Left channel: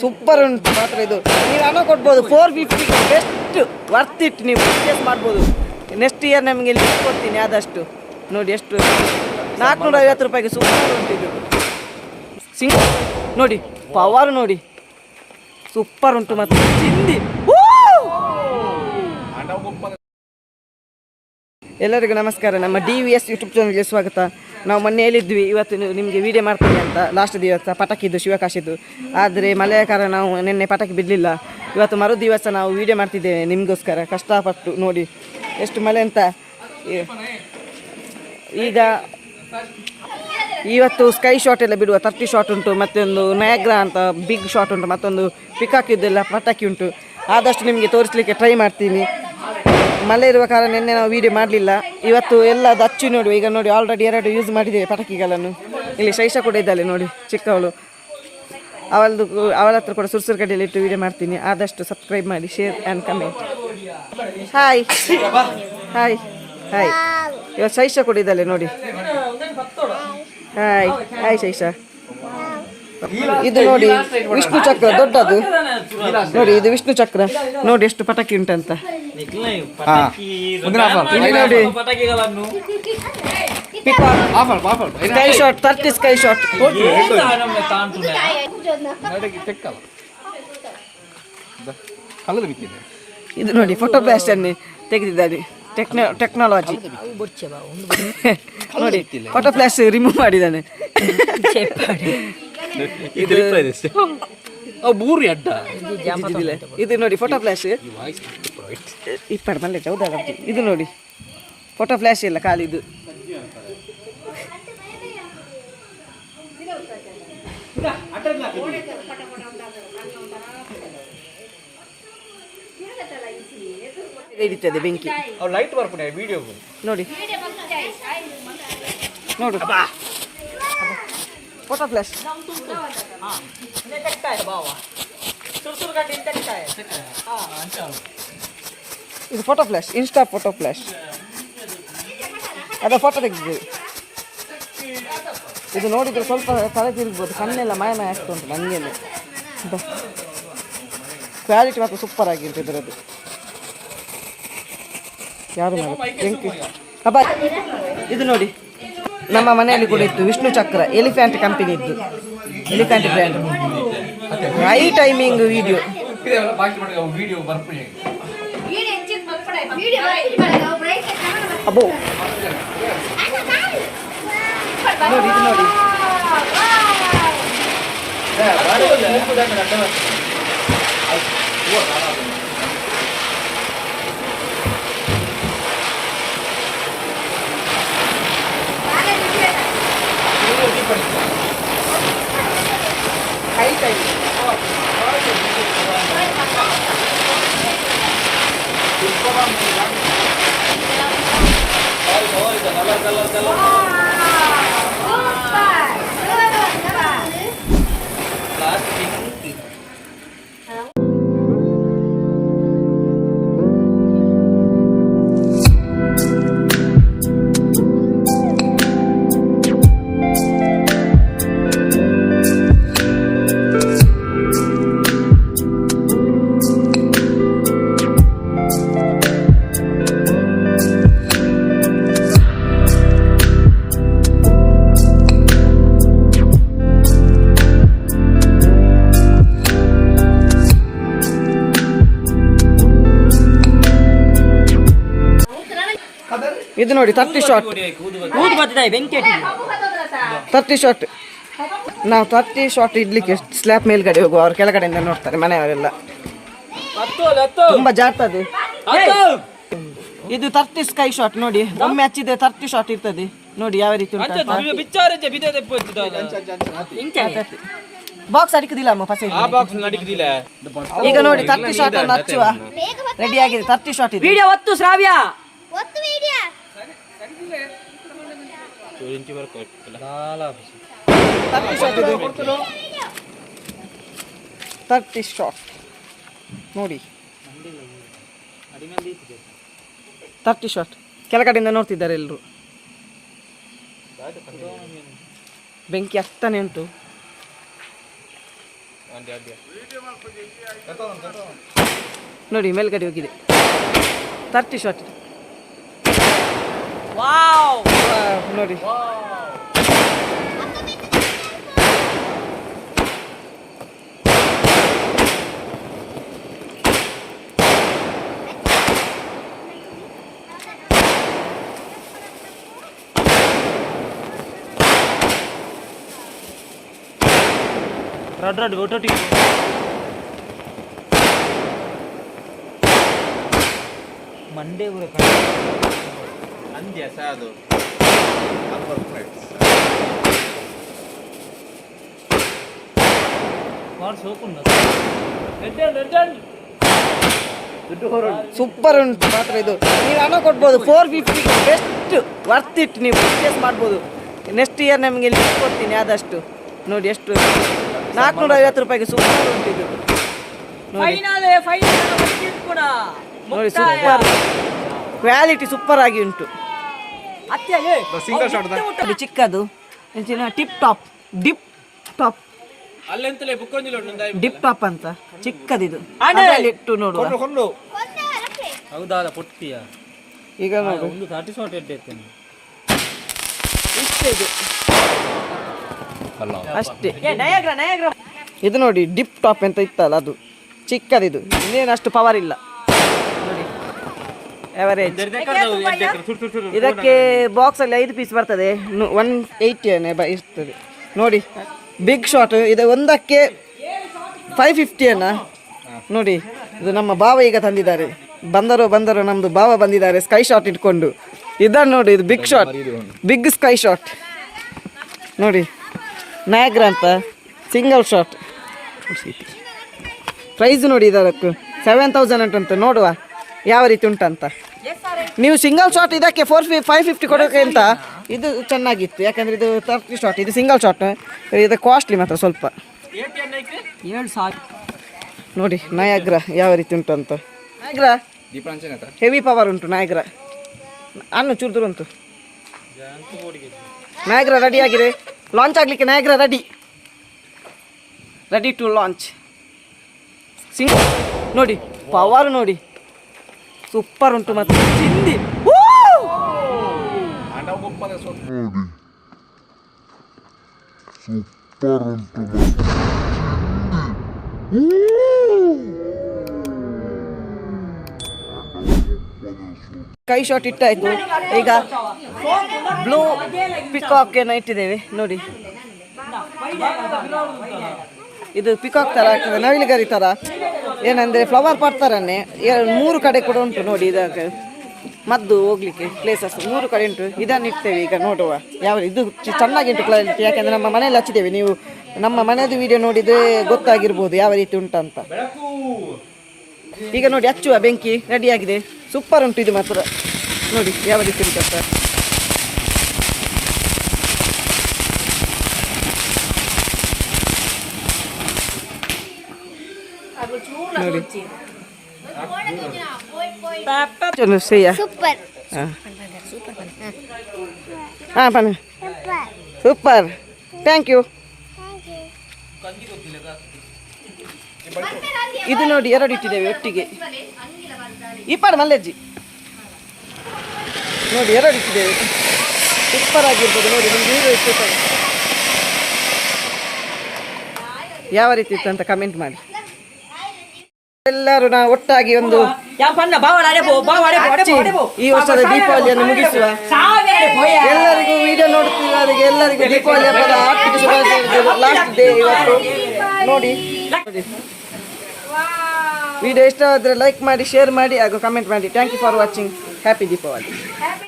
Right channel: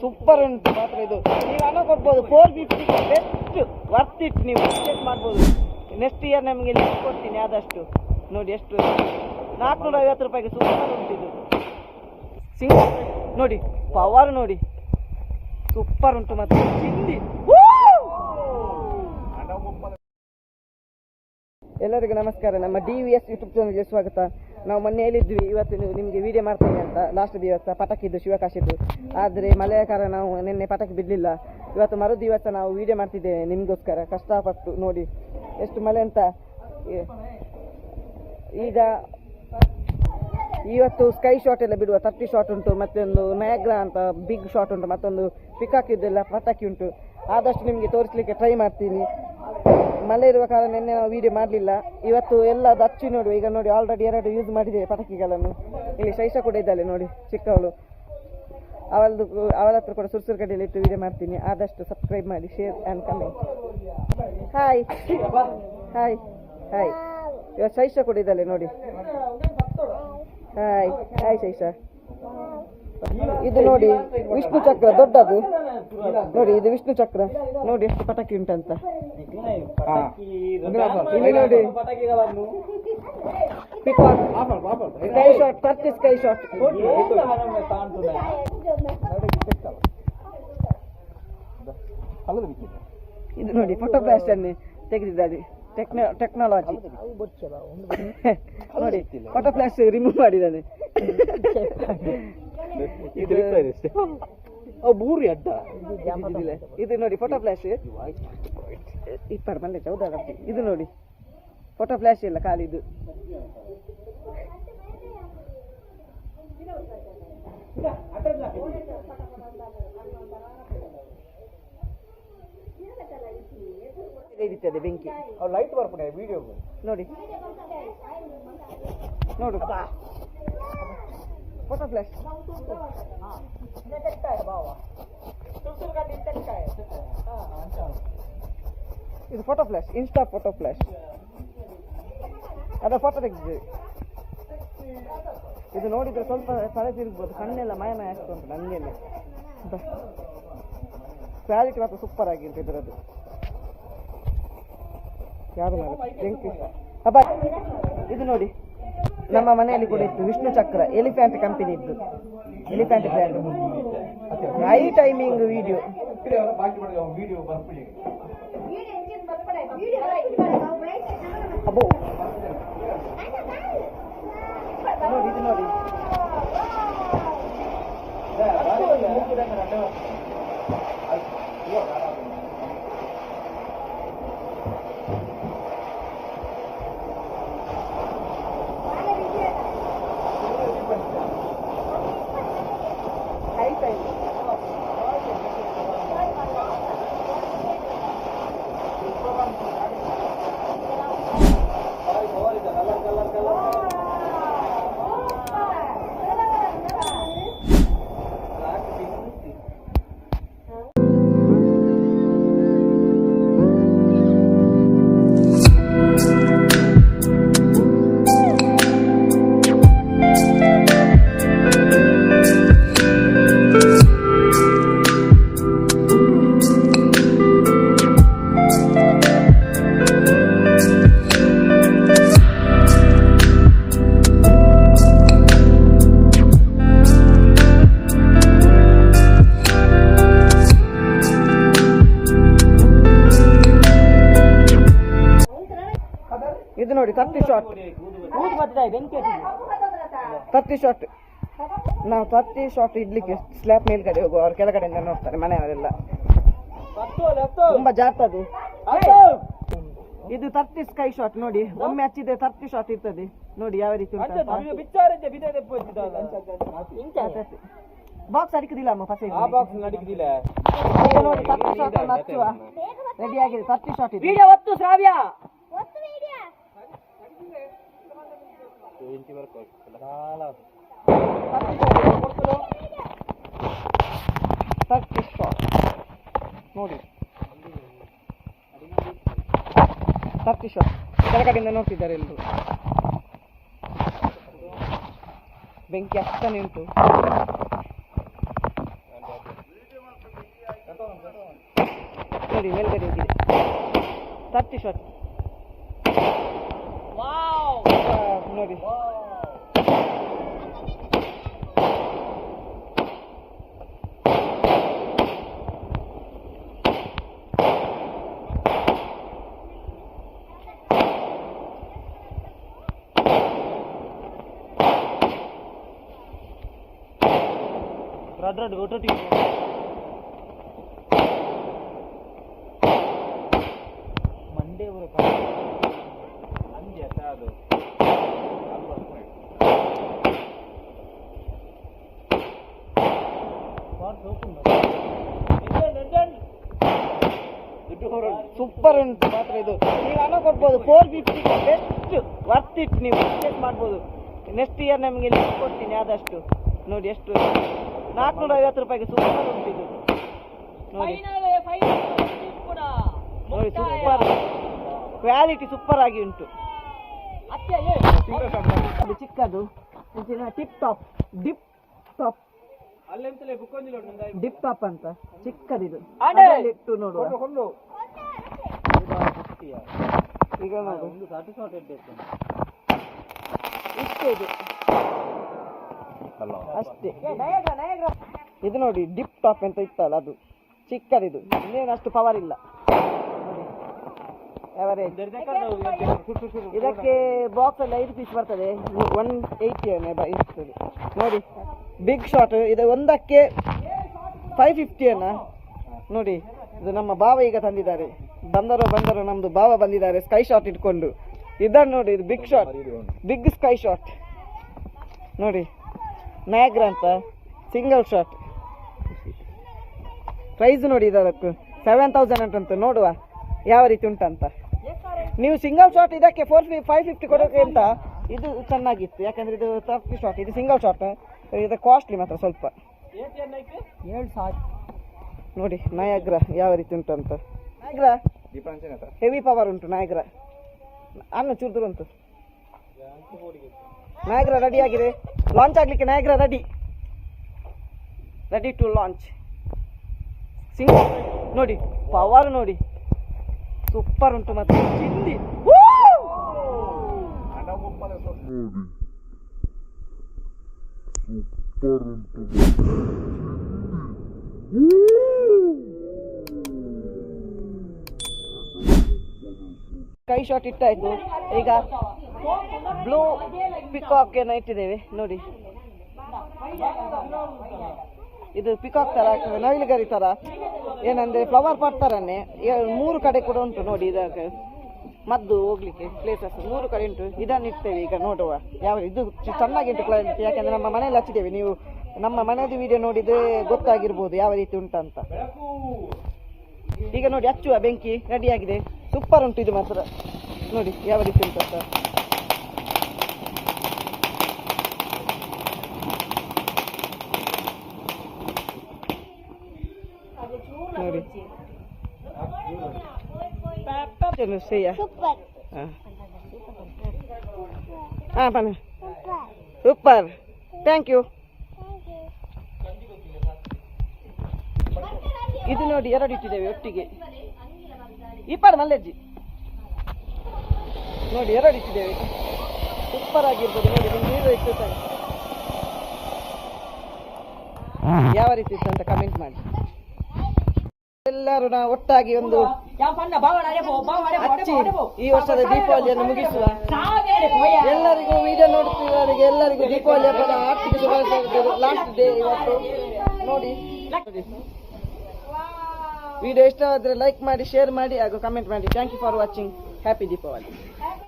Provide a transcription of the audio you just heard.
Super ಉಂಟು ಮಾತ್ರ ಇದು. ನೀವು ಹಣ ಕೊಡ್ಬೋದು 450 ಬೆಸ್ಟ್ ವರ್ತ್ ಇಟ್. ನೀವು ಪರ್ಚೇಸ್ ಮಾಡ್ಬೋದು. ನೆಕ್ಸ್ಟ್ ಇಯರ್ ನಮಗೆ ಲಿಂಕ್ ಕೊಡ್ತೀನಿ ಆದಷ್ಟು. ನೋಡಿ ಎಷ್ಟು 450 ರೂಪಾಯಿಗೆ ಸೂಪರ್ ಉಂಟು ಇದು. ಸಿಂಗಲ್ ನೋಡಿ, ಪವರ್ ನೋಡಿ, ಸೂಪರ್ ಉಂಟು ಮತ್ತು ಚಿಂದಿ. ಎಲ್ಲರಿಗೂ ನಮಸ್ಕಾರ. ನಮ್ಮ DVS ಯೂಟ್ಯೂಬ್ ಚಾನಲ್ಗೆ ಸ್ವಾಗತ. ನಾವು ಮೊನ್ನೆ ಹೇಳಿದ್ವಿ ಇವತ್ತು ನಿಮಗೆ ವೀಡಿಯೋ ಮಾಡ್ತೇವೆ ಅಂತ. ಲಾಸ್ಟ್ ದಿವಸ ಪಟಾಕಿದ್ದು ಶಿವಕಾಶಿದ್ದು, ಆದರೆ ಮಳೆಯ ಕಾರಣ ನಾವು ನಿನ್ನೆ ಪಟಾಕಿ ಬಿಡಲಿಲ್ಲ. ಇವತ್ತು ಮರು ದಿವಸ ನಾವು ವೀಡಿಯೋ ಮಾಡ್ತಿದ್ದೇವೆ ನಿಮಗೋಸ್ಕರ ಕಷ್ಟಪಟ್ಟು. ನೋಡಿ ಎಷ್ಟು ಮಳೆ ಅಂತ. ಈಗ ಇವತ್ತು ಸ್ಕೈ ಶಾಟ್ ಎಲ್ಲ ಬಿಡುವ 30 ಶಾಟ್ ಉಂಟು, ಮತ್ತೊಂದು ನಯಾಗ್ರಾ ಅಂತ ಬಿಗ್ ಶಾಟ್ ಉಂಟು, ಮತ್ತೊಂದು ಪಿಕಾಕಿದ್ದೆಲ್ಲ ಪಟಾಕಿ ಉಂಟು. ಆದಷ್ಟು ನಿಮಗೆ ತೋರಿಸಲಿಕ್ಕೆ ಟ್ರೈ ಮಾಡ್ತೀನಿ. ಮಳೆ ಇರುವ ಕಾರಣ ನಿನ್ನೆ ನಾವು ವೀಡಿಯೋ ಮಾಡಲಿಲ್ಲ. ಇವತ್ತು ಎಲ್ಲ ಹಚ್ಚಿ ನೋಡುವ. ಈಗ ನೋಡಿ ಆಲ್ರೆಡಿ 2 ಯೂಸ್ ಮಾಡಿದ್ದೇವೆ ಪಟಾಕಿಗಳನ್ನು. ಇಲ್ಲಿ ಶೈಷ ಕೂಡ ಇದ್ದಾಳೆ ನೋಡಿ, ಚಿಕ್ಕವಳು. ಅವಳ ಹತ್ರ ಕೂಡ ಸುರ್ಸುರು ಕಡೆಯಲ್ಲಿ ಇಟ್ಟು ವೀಡಿಯೋ ಮಾಡ್ತೀನಿ. ಆದಷ್ಟು ಸಬ್ಸ್ಕ್ರೈಬ್ ಮಾಡಿ, share and comment. Hi hi hi. ಇವತ್ತು ಶೈಷ ಕೂಡ ಇದ್ದಾಳೆ ನೋಡಿ. Hi hi Shaisha. ಇದು ನೋಡಿ ವಿಷ್ಣು ಚಕ್ರ ದೊಡ್ಡದು ನೋಡಿ. ಇದು ವಿಷ್ಣು ಚಕ್ರ ನೋಡಿ ಎಷ್ಟು ಪಟಾಕಿ ಉಂಟಂತ. ಇಲ್ಲಿ ನೋಡಿ ಸ್ಕೈ ಶಾಟ್ 30 ಸ್ಕೈ ಶಾಟ್. ಇದು ನೋಡಿ ಫೋಟೋ ಫ್ಲಾಶ್ ಅನ್ನೇ ತೆಗೆದಿದ್ದಾರೆ. ಟೆಕ್ನಾಲಜಿ ನೋಡಿ, ಫೋಟೋ ಫ್ಲಾಶ್ ರಿಮೂವ್ ಮಾಡಿದ್ದಾನೆ. ಇದು ನೋಡಿ ಫೋಟೋ ಫ್ಲಾಶ್ ಇಪ್ಪಡು ಮಲ್ಲೆ ಚೌದ. ಇದು ನೋಡಿ ಫೋಟೋ ಫ್ಲಾಶ್ ಇಲ್ಲ, ಖಾಲಿದು. ಹಿಡಿತದೆ ಬೆಂಕಿ. ಲೈಟ್ ಬರ್ಪಣೆ ವಿಡಿಯೋ ನೋಡಿ ನೋಡು ಫೋಟೋ ಫ್ಲಾಶ್. ಇದು photo flash, insta photo flash. ಅದ ಫೋಟೋ ತೆಗೆದಿದೆ. ಇದು ನೋಡಿದ್ರೆ ಸ್ವಲ್ಪ ತಲೆ ತಿರುಗ್ಬೋದು, ಕಣ್ಣೆಲ್ಲ ಮಾಯ ಆಗ್ತಾ ಉಂಟು ನನಗೇನೆ. ಕ್ವಾಲಿಟಿ ಮಾತ್ರ ಸೂಪರ್ ಆಗಿತ್ತು ಇದರದ್ದು. ಯಾರು ಬೆಂಕಿ ಹಬ್ಬ. ಇದು ನೋಡಿ ನಮ್ಮ ಮನೆಯಲ್ಲಿ ಕೂಡ ಇತ್ತು ವಿಷ್ಣು ಚಕ್ರ, ಎಲಿಫ್ಯಾಂಟ್ ಕಂಪನಿ ಇದ್ದು, elephant brand. High timing video. ಅಬ್ಬೋ ನೋಡಿ, ಇದು ನೋಡಿ ಹೈ ಟೈಮ್. ಇದು ನೋಡಿ 30 ಶಾಟ್. 30 ಶಾಟ್. ನಾವು 30 ಶಾಟ್ ಇಡ್ಲಿಕ್ಕೆ ಸ್ಲ್ಯಾಬ್ ಮೇಲ್ಗಡೆ ಹೋಗುವ, ಅವ್ರು ಕೆಳಗಡೆಯಿಂದ ನೋಡ್ತಾರೆ ಮನೆಯವರೆಲ್ಲ. ತುಂಬಾ ಜಾರ್ತದೆ ಇದು. 30 ಸ್ಕೈ ಶಾಟ್ ನೋಡಿ, ಒಮ್ಮೆ ಹಚ್ಚಿದ್ರೆ 30 ಶಾಟ್ ಇರ್ತದೆ ನೋಡಿ ಯಾವ ರೀತಿ ಉಂಟು. ಬಾಕ್ಸ್ ಅಡಿಕುದಿಲ್ಲ ಅಮ್ಮ ಪಸೆ. ಈಗ ನೋಡಿ 30 ಶಾಟ್ ಅನ್ನು ಹಚ್ಚುವ ರೆಡಿ ಆಗಿದೆ. 30 ಶಾಟ್ ಇದೆ. ವಿಡಿಯೋ ಒತ್ತು ಶ್ರಾವ್ಯ, ಒತ್ತು ವಿಡಿಯೋ 30 ಶಾಟ್ ನೋಡಿ. 30 ಶಾಟ್ ಕೆಳಗಡೆಯಿಂದ ನೋಡ್ತಿದ್ದಾರೆ ಎಲ್ಲರೂ. ಬೆಂಕಿ ಅಷ್ಟನೇ ಉಂಟು. ನೋಡಿ ಮೇಲ್ಗಡೆ ಹೋಗಿದೆ 30 ಶಾಟ್ ನೋಡಿ ರಡ್ ಒಟ್ಟೊಟ್ಟಿ ಮಂಡೇ ಊರ ಅಂದ್ಯ ಸಾದು ಸೂಪರ್ ಉಂಟು ಮಾತ್ರ ಇದು ನೀವು ಹಣ ಕೊಡ್ಬೋದು 450 ಬೆಸ್ಟ್ ವರ್ತ್ ಇಟ್ ನೀವು ಪರ್ಚೇಸ್ ಮಾಡ್ಬೋದು ನೆಕ್ಸ್ಟ್ ಇಯರ್ ನಮಗೆ ಲಿಸ್ಟ್ ಕೊಡ್ತೀನಿ ಆದಷ್ಟು ನೋಡಿ ಎಷ್ಟು 450 ರೂಪಾಯಿಗೆ ಸೂಪರ್ ಉಂಟು ಇದು ನೋಡಿ ಸೂಪರ್ ಕ್ವಾಲಿಟಿ ಸೂಪರ್ ಆಗಿ ಉಂಟು ಸಿಂಗಲ್ ಶಾಟ್ ಅದು ಚಿಕ್ಕದು tip top dip top dip top ಅಂತ ಚಿಕ್ಕದಿದು ಇಟ್ಟು ನೋಡುವ ಈಗ ನೋಡು ಇಷ್ಟೇ ಇದು ಅಷ್ಟೇ ಇದು ನೋಡಿ ಡಿಪ್ ಟಾಪ್ ಅಂತ ಇತ್ತಲ್ಲ ಅದು ಚಿಕ್ಕದಿದು ಇನ್ನೇನು ಅಷ್ಟು ಪವರ್ ಇಲ್ಲ ನೋಡಿ ಎವರೇಜ್ ಇದಕ್ಕೆ ಬಾಕ್ಸ್ ಅಲ್ಲಿ 5 ಪೀಸ್ ಬರ್ತದೆ 180 ಇರ್ತದೆ ನೋಡಿ ಬಿಗ್ ಶಾಟ್ ಇದು ಒಂದಕ್ಕೆ 550 ನೋಡಿ ಇದು ನಮ್ಮ ಭಾವ ಈಗ ತಂದಿದ್ದಾರೆ ಬಂದರು ನಮ್ಮದು ಭಾವ ಬಂದಿದ್ದಾರೆ ಸ್ಕೈ ಶಾಟ್ ಇಟ್ಕೊಂಡು ಇದನ್ನು ನೋಡಿ ಇದು big shot big sky shot ನೋಡಿ ನಯಾಗ್ರ ಅಂತ ಸಿಂಗಲ್ ಶಾಟ್ ಪ್ರೈಸ್ ನೋಡಿ ಇದಕ್ಕೆ 7000 ಉಂಟಂತ ನೋಡುವ ಯಾವ ರೀತಿ ಉಂಟಂತ ನೀವು ಸಿಂಗಲ್ ಶಾಟ್ ಇದಕ್ಕೆ 550 ಕೊಡೋಕೆ ಅಂತ ಇದು ಚೆನ್ನಾಗಿತ್ತು ಯಾಕಂದರೆ ಇದು 30 ಶಾಟ್ ಇದು ಸಿಂಗಲ್ ಶಾಟ್ ಇದು ಕಾಸ್ಟ್ಲಿ ಮಾತ್ರ ಸ್ವಲ್ಪ 7,000 ನೋಡಿ ನಯಾಗ್ರ ಯಾವ ರೀತಿ ಉಂಟು ಅಂತ ನಯಾಗ್ರ ಹೆವಿ ಪವರ್ ಉಂಟು ನಯಾಗ್ರ ಅನ್ನು ಚೂರು ಉಂಟು ನಯಾಗ್ರ ರೆಡಿ ಆಗಿದೆ ಲಾಂಚ್ ಆಗಲಿಕ್ಕೆ Niagara ready to launch single ನೋಡಿ ಪವರ್ ನೋಡಿ ಸೂಪರ್ ಉಂಟು ಮತ್ತೆ ಚಿಂದಿ ಕೈ ಶಾಟ್ ಇಟ್ಟಾಯ್ತು ಈಗ ಬ್ಲೂ ಪಿಕಾಕ್ ಏನೋ ಇಟ್ಟಿದ್ದೇವೆ ನೋಡಿ ಇದು ಪಿಕಾಕ್ ತರ ಆಗ್ತದೆ ನವಿಲುಗರಿ ತರ ಏನಂದ್ರೆ ಫ್ಲವರ್ ಪಾಟ್ ತರನೇ 3 ಕಡೆ ಕೂಡ ಉಂಟು ನೋಡಿ ಇದಕ್ಕೆ ಮದ್ದು ಹೋಗ್ಲಿಕ್ಕೆ ಪ್ಲೇಸಸ್ 3 ಕಡೆ ಉಂಟು ಇದನ್ನು ಇಡ್ತೇವೆ ಈಗ ನೋಡುವ ಯಾವ ಇದು ಚೆನ್ನಾಗಿ ಉಂಟು ಕ್ವಾಲಿಟಿ ಯಾಕಂದ್ರೆ ನಮ್ಮ ಮನೆಯಲ್ಲಿ ಹಚ್ಚಿದ್ದೇವೆ ನೀವು ನಮ್ಮ ಮನೆಯದು ವಿಡಿಯೋ ನೋಡಿದ್ರೆ ಗೊತ್ತಾಗಿರ್ಬೋದು ಯಾವ ರೀತಿ ಉಂಟಂತ ಈಗ ನೋಡಿ ಹಚ್ಚುವ ಬೆಂಕಿ ರೆಡಿಯಾಗಿದೆ ಸೂಪರ್ ಉಂಟು ಇದು ಮಾತ್ರ ನೋಡಿ ಯಾವ ರೀತಿ ಉಂಟಂತ ನೋಡಿ ಸೂಪರ್ ಥ್ಯಾಂಕ್ ಯು ಇದು ನೋಡಿ 2 ಇಟ್ಟಿದ್ದೇವೆ ಒಟ್ಟಿಗೆ ಈ ಪಾಡು ಮಲ್ಲೆಜ್ಜಿ ನೋಡಿ 2 ಇಟ್ಟಿದ್ದೇವೆ ಸೂಪರ್ ಆಗಿರ್ಬೋದು ನೋಡಿ ನೀರು ಇಟ್ಟು ಯಾವ ರೀತಿ ಇತ್ತು ಅಂತ ಕಮೆಂಟ್ ಮಾಡಿ ಎಲ್ಲರೂ ನಾವು ಒಟ್ಟಾಗಿ ಒಂದು ಈ ವರ್ಷದ ದೀಪಾವಳಿಯನ್ನು ಮುಗಿಸುವ ಎಲ್ಲರಿಗೂ ವಿಡಿಯೋ ನೋಡುತ್ತಿರುವವರಿಗೆ ಎಲ್ಲರಿಗೂ ದೀಪಾವಳಿ ಹಬ್ಬದ ಆರ್ಥಿಕ ಶುಭಾಶಯಗಳು ಲಾಸ್ಟ್ ಡೇ ಇವತ್ತು ನೋಡಿ ವಿಡಿಯೋ ಇಷ್ಟವಾದರೆ ಲೈಕ್ ಮಾಡಿ ಶೇರ್ ಮಾಡಿ ಹಾಗೂ ಕಮೆಂಟ್ ಮಾಡಿ thank you for watching happy Deepavali